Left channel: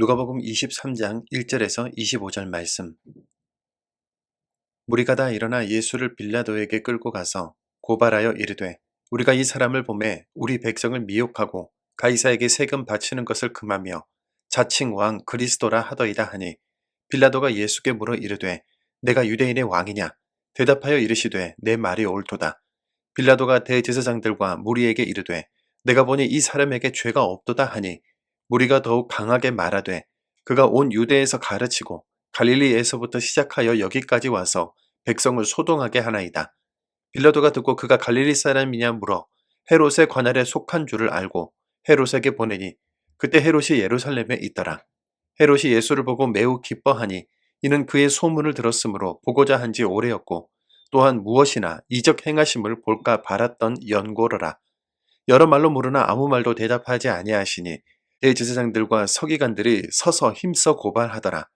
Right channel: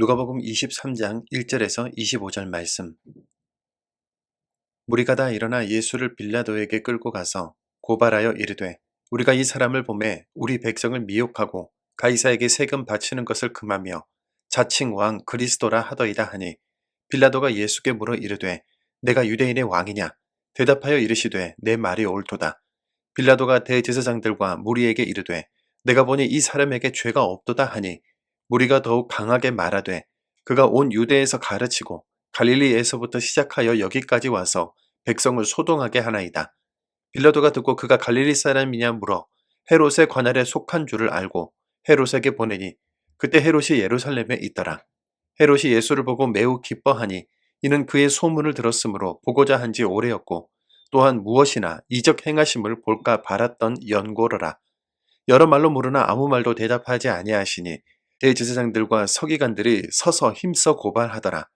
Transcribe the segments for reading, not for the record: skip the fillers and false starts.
누가복음 23장 1절에서 25절 말씀. 무리가 다 일어나 예수를 빌라도에게 끌고 가서 고발하여 이르되 우리가 이 사람을 보매 우리 백성을 미혹하고 가이사에게 세금 바치는 것을 금하며 자칭 왕 그리스도라 하더이다 하니 빌라도가 예수께 물어 이르되 내가 유대인의 왕이냐 대답하여 이르시되 내 말이 옳도다. 빌라도가 대제사장들과 무리에게 이르되 내가 보니 이 사람에게 죄가 없도다 하니 무리가 더욱 강하게 말하되 그가 온 유대에서 가르치고 갈릴리에서부터 시작하여 여기까지 와서 백성을 소동하게 하나이다. 빌라도가 듣고 그가 갈릴리 사람이냐 물어 헤롯의 관할에 속한 줄을 알고 헤롯에게 보내니 그때 헤롯이 예루살렘에 있더라. 헤롯이 예수를 보고 매우 기뻐하니 이는 그의 소문을 들었으므로 보고자 한 지 오래였고 또한 무엇이나 이적 행하심을 볼까 바랐던 연고로라. 여러 말로 물으나 아무 말도 대답하지 아니하시니 대제사장들과 서기관들이 서서 힘써 고발하더라.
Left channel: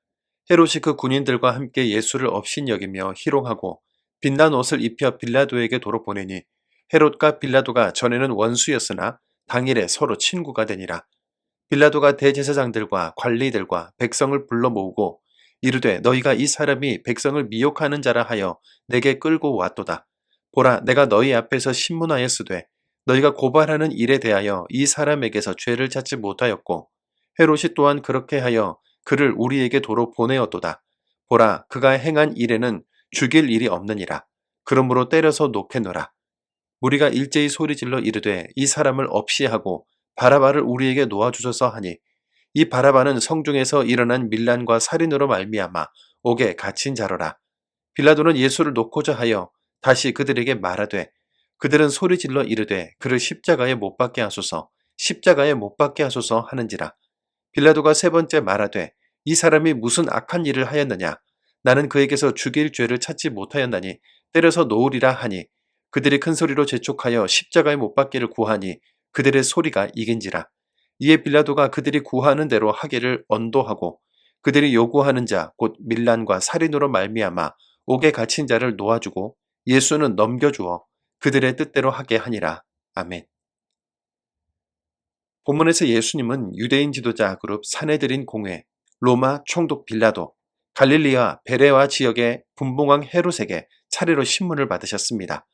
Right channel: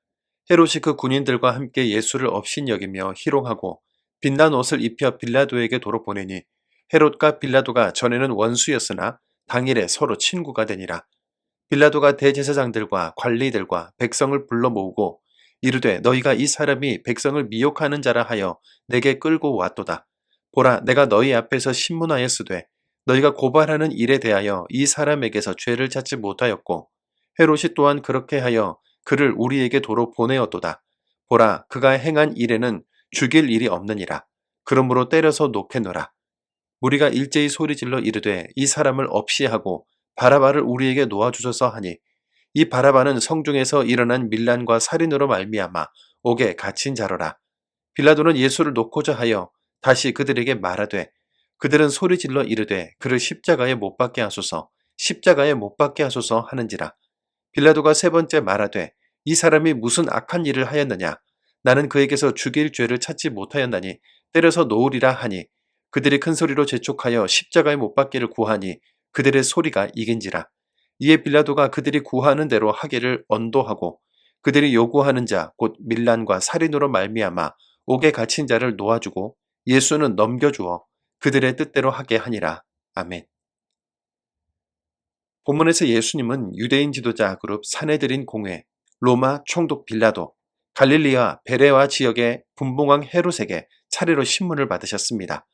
헤롯이 그 군인들과 함께 예수를 업신여기며 희롱하고 빛난 옷을 입혀 빌라도에게 도로 보내니 헤롯과 빌라도가 전에는 원수였으나 당일에 서로 친구가 되니라. 빌라도가 대제사장들과 관리들과 백성을 불러 모으고 이르되 너희가 이 사람이 백성을 미혹하는 자라 하여 내게 끌고 왔도다. 보라 내가 너희 앞에서 신문하였으되 너희가 고발하는 일에 대하여 이 사람에게서 죄를 찾지 못하였고 헤롯이 또한 그렇게 하여 그를 우리에게 도로 보내었도다. 보라 그가 행한 일에는 죽일 일이 없느니라. 그러므로 때려서 놓게노라. 우리가 일제히 소리질러 이르되 이 사람을 없이 하고 바라바를 우리에게 놓아주소서 하니 이 바라바는 성중에서 일어난 밀란과 살인으로 말미암아 옥에 갇힌 자로라. 빌라도는 예수를 놓고자 하여 다시 그들에게 말하되 그들은 소리질러 이르되 그를 십자가에 못 박게 하소서 십자가에 못 박게 하소서 하는지라. 빌라도가 세 번째 말하되 이 사람이 무슨 악한 일을 하였느냐 나는 그에게서 죽일 죄를 찾지 못하였나니 때려서 놓으리라 하니 그들이 큰 소리로 재촉하여 십자가에 못 박기를 구하니 그들의 소리가 이긴지라. 이에 빌라도가 그들이 구하는 대로 하기를 언도하고 그들이 요구하는 자 곧 밀란과 살인으로 말미암아 옥에 갇힌 자를 놓아주고 예수는 넘겨주어 그들의 뜻대로 하게 하니라. 아멘. 본문에서 예수님은 유대인 지도자 그룹 사내들인 공회, 로마 총독 빌라도, 갈릴리와 베레와 지역의 분봉왕 헤롯에게 차례로 신문을 받으셨습니다.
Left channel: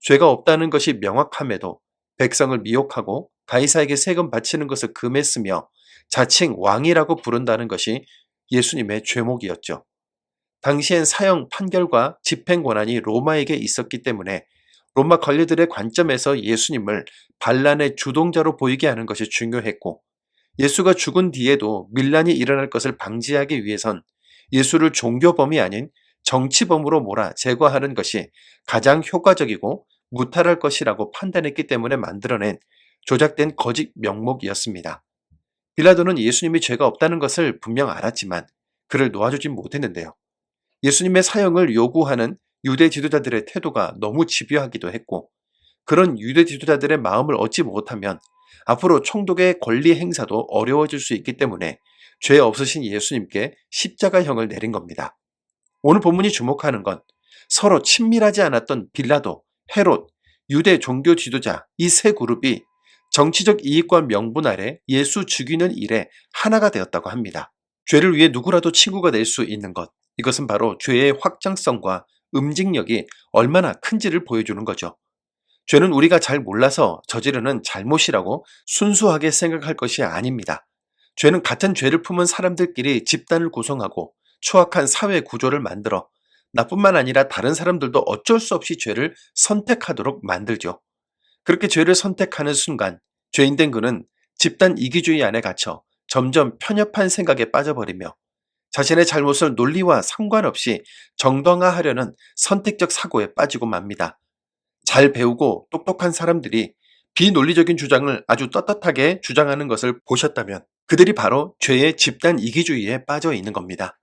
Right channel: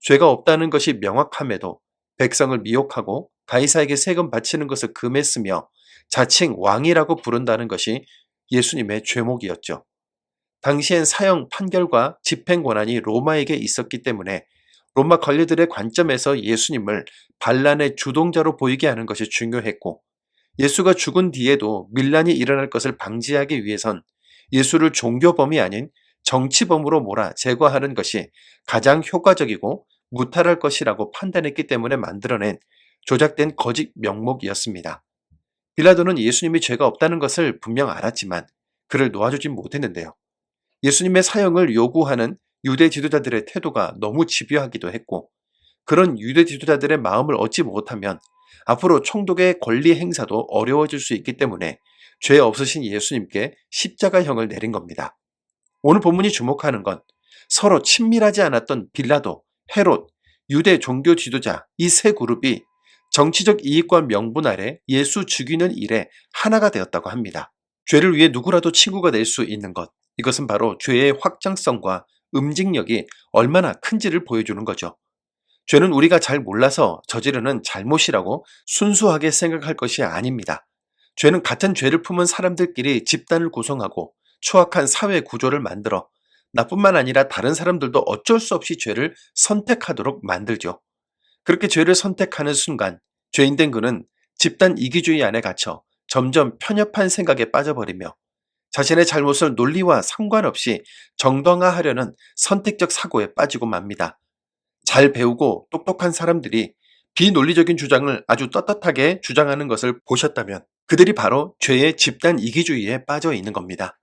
죄가 없다는 것이 명확함에도 백성을 미혹하고 가이사에게 세금 바치는 것을 금했으며 자칭 왕이라고 부른다는 것이 예수님의 죄목이었죠. 당시엔 사형 판결과 집행 권한이 로마에게 있었기 때문에 로마 관리들의 관점에서 예수님을 반란의 주동자로 보이게 하는 것이 중요했고 예수가 죽은 뒤에도 밀란이 일어날 것을 방지하기 위해선 예수를 종교범이 아닌 정치범으로 몰아 제거하는 것이 가장 효과적이고 무탈할 것이라고 판단했기 때문에 만들어낸 조작된 거짓 명목이었습니다. 빌라도는 예수님이 죄가 없다는 것을 분명 알았지만 그를 놓아주진 못했는데요. 예수님의 사형을 요구하는 유대 지도자들의 태도가 너무 집요하기도 했고 그런 유대 지도자들의 마음을 얻지 못하면 앞으로 총독의 권리 행사도 어려워질 수 있기 때문에 죄 없으신 예수님께 십자가형을 내린 겁니다. 오늘 본문이 주목하는 건 서로 친밀하지 않았던 빌라도, 헤롯, 유대 종교 지도자 이 세 그룹이 정치적 이익과 명분 아래 예수 죽이는 일에 하나가 되었다고 합니다. 죄를 위해 누구라도 친구가 될 수 있는 것, 이것은 바로 죄의 확장성과 음직력이 얼마나 큰지를 보여주는 거죠. 죄는 우리가 잘 몰라서 저지르는 잘못이라고 순수하게 생각할 것이 아닙니다. 죄는 같은 죄를 품은 사람들끼리 집단을 구성하고 추악한 사회 구조를 만들어 나뿐만 아니라 다른 사람들도 어쩔 수 없이 죄를 선택하도록 만들죠. 그렇게 죄를 선택하는 순간 죄인된 그는 집단 이기주의 안에 갇혀 점점 편협한 생각에 빠져버리며 자신의 잘못을 논리와 상관없이 정당화하려는 선택적 사고에 빠지고 맙니다. 잘 배우고 똑똑한 사람들이 비논리적인 주장을 아주 떳떳하게 주장하는 것을 보셨다면 그들이 바로 죄의 집단 이기주의에 빠져 있는 겁니다.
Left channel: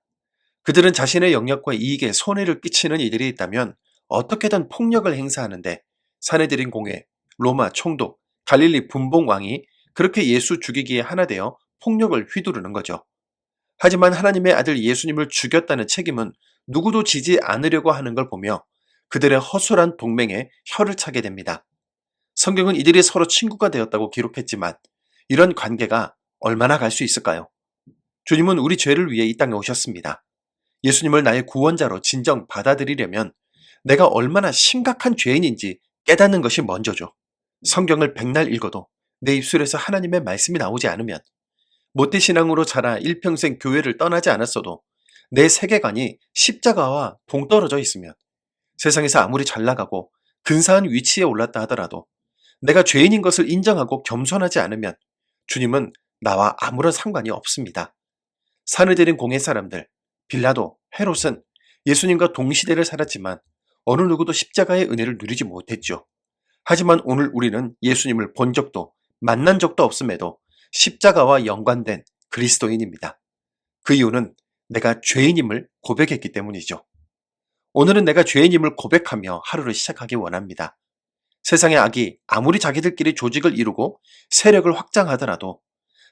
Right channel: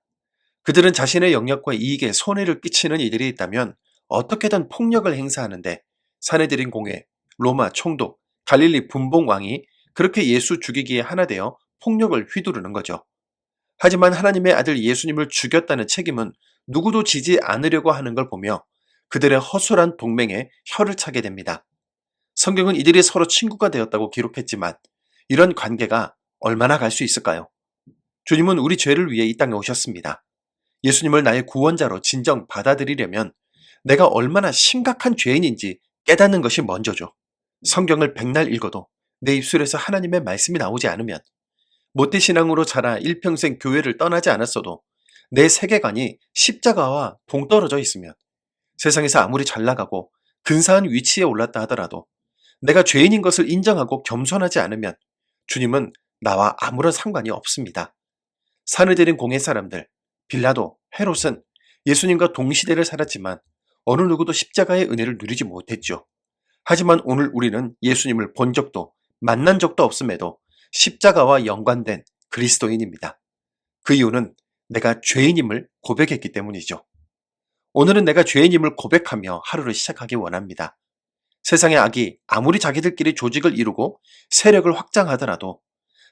그들은 자신의 영역과 이익에 손해를 끼치는 이들이 있다면 어떻게든 폭력을 행사하는데 사내들인 공회, 로마 총독, 갈릴리 분봉왕이 그렇게 예수 죽이기에 하나 되어 폭력을 휘두르는 거죠. 하지만 하나님의 아들 예수님을 죽였다는 책임은 누구도 지지 않으려고 하는 걸 보며 그들의 허술한 동맹에 혀를 차게 됩니다. 성경은 이들이 서로 친구가 되었다고 기록했지만 이런 관계가 얼마나 갈 수 있을까요? 주님은 우리 죄를 위해 이 땅에 오셨습니다. 예수님을 나의 구원자로 진정 받아들이려면 내가 얼마나 심각한 죄인인지 깨닫는 것이 먼저죠. 성경을 백날 읽어도 내 입술에서 하나님의 말씀이 나오지 않으면, 모태신앙으로 자라 일평생 교회를 떠나지 않았어도 내 세계관이 십자가와 동떨어져 있으면, 세상에서 아무리 잘 나가고 근사한 위치에 올랐다 하더라도 내가 죄인인 것을 인정하고 겸손하지 않으면 주님은 나와 아무런 상관이 없습니다. 사내들인 공의 사람들, 빌라도, 헤롯은 예수님과 동시대를 살았지만 어느 누구도 십자가의 은혜를 누리지 못했죠. 하지만 오늘 우리는 예수님을 본 적도 만난 적도 없음에도 십자가와 연관된 그리스도인입니다. 그 이유는 내가 죄인임을 고백했기 때문이죠. 오늘은 내가 죄인임을 고백하며 하루를 시작하기 원합니다. 세상의 악이 아무리 자기들끼리 조직을 이루고 세력을 확장하더라도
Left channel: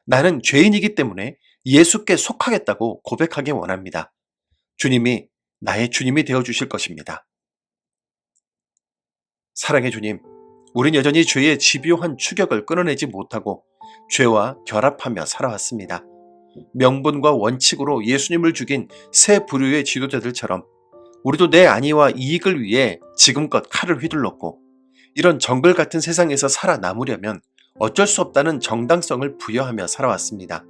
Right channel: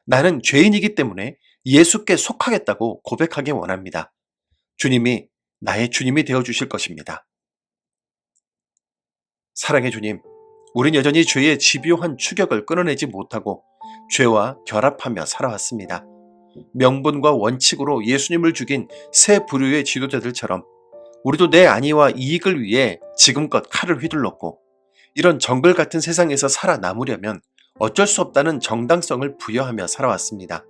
나는 죄인이기 때문에 예수께 속하겠다고 고백하기 원합니다. 주님이 나의 주님이 되어주실 것입니다. 사랑의 주님, 우린 여전히 죄의 집요한 추격을 끊어내지 못하고 죄와 결합하며 살아왔습니다. 명분과 원칙으로 예수님을 죽인 새 부류의 지도자들처럼 우리도 내 안위와 이익을 위해 지금껏 칼을 휘둘렀고, 이런 정글 같은 세상에서 살아남으려면 어쩔 수 없다는 정당성을 부여하며 살아왔습니다.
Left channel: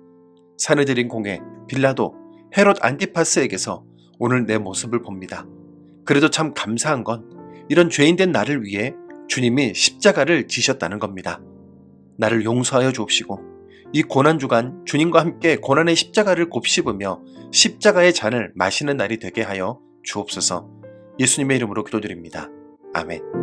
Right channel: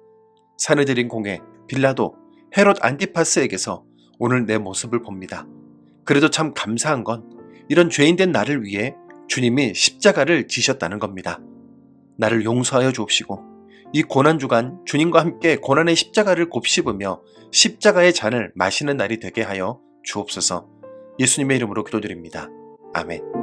사내들인 공회, 빌라도, 헤롯 안티파스에게서 오늘 내 모습을 봅니다. 그래도 참 감사한 건 이런 죄인된 나를 위해 주님이 십자가를 지셨다는 겁니다. 나를 용서하여 주옵시고 이 고난주간 주님과 함께 고난의 십자가를 곱씹으며 십자가의 잔을 마시는 날이 되게 하여 주옵소서. 예수님의 이름으로 기도드립니다. 아멘.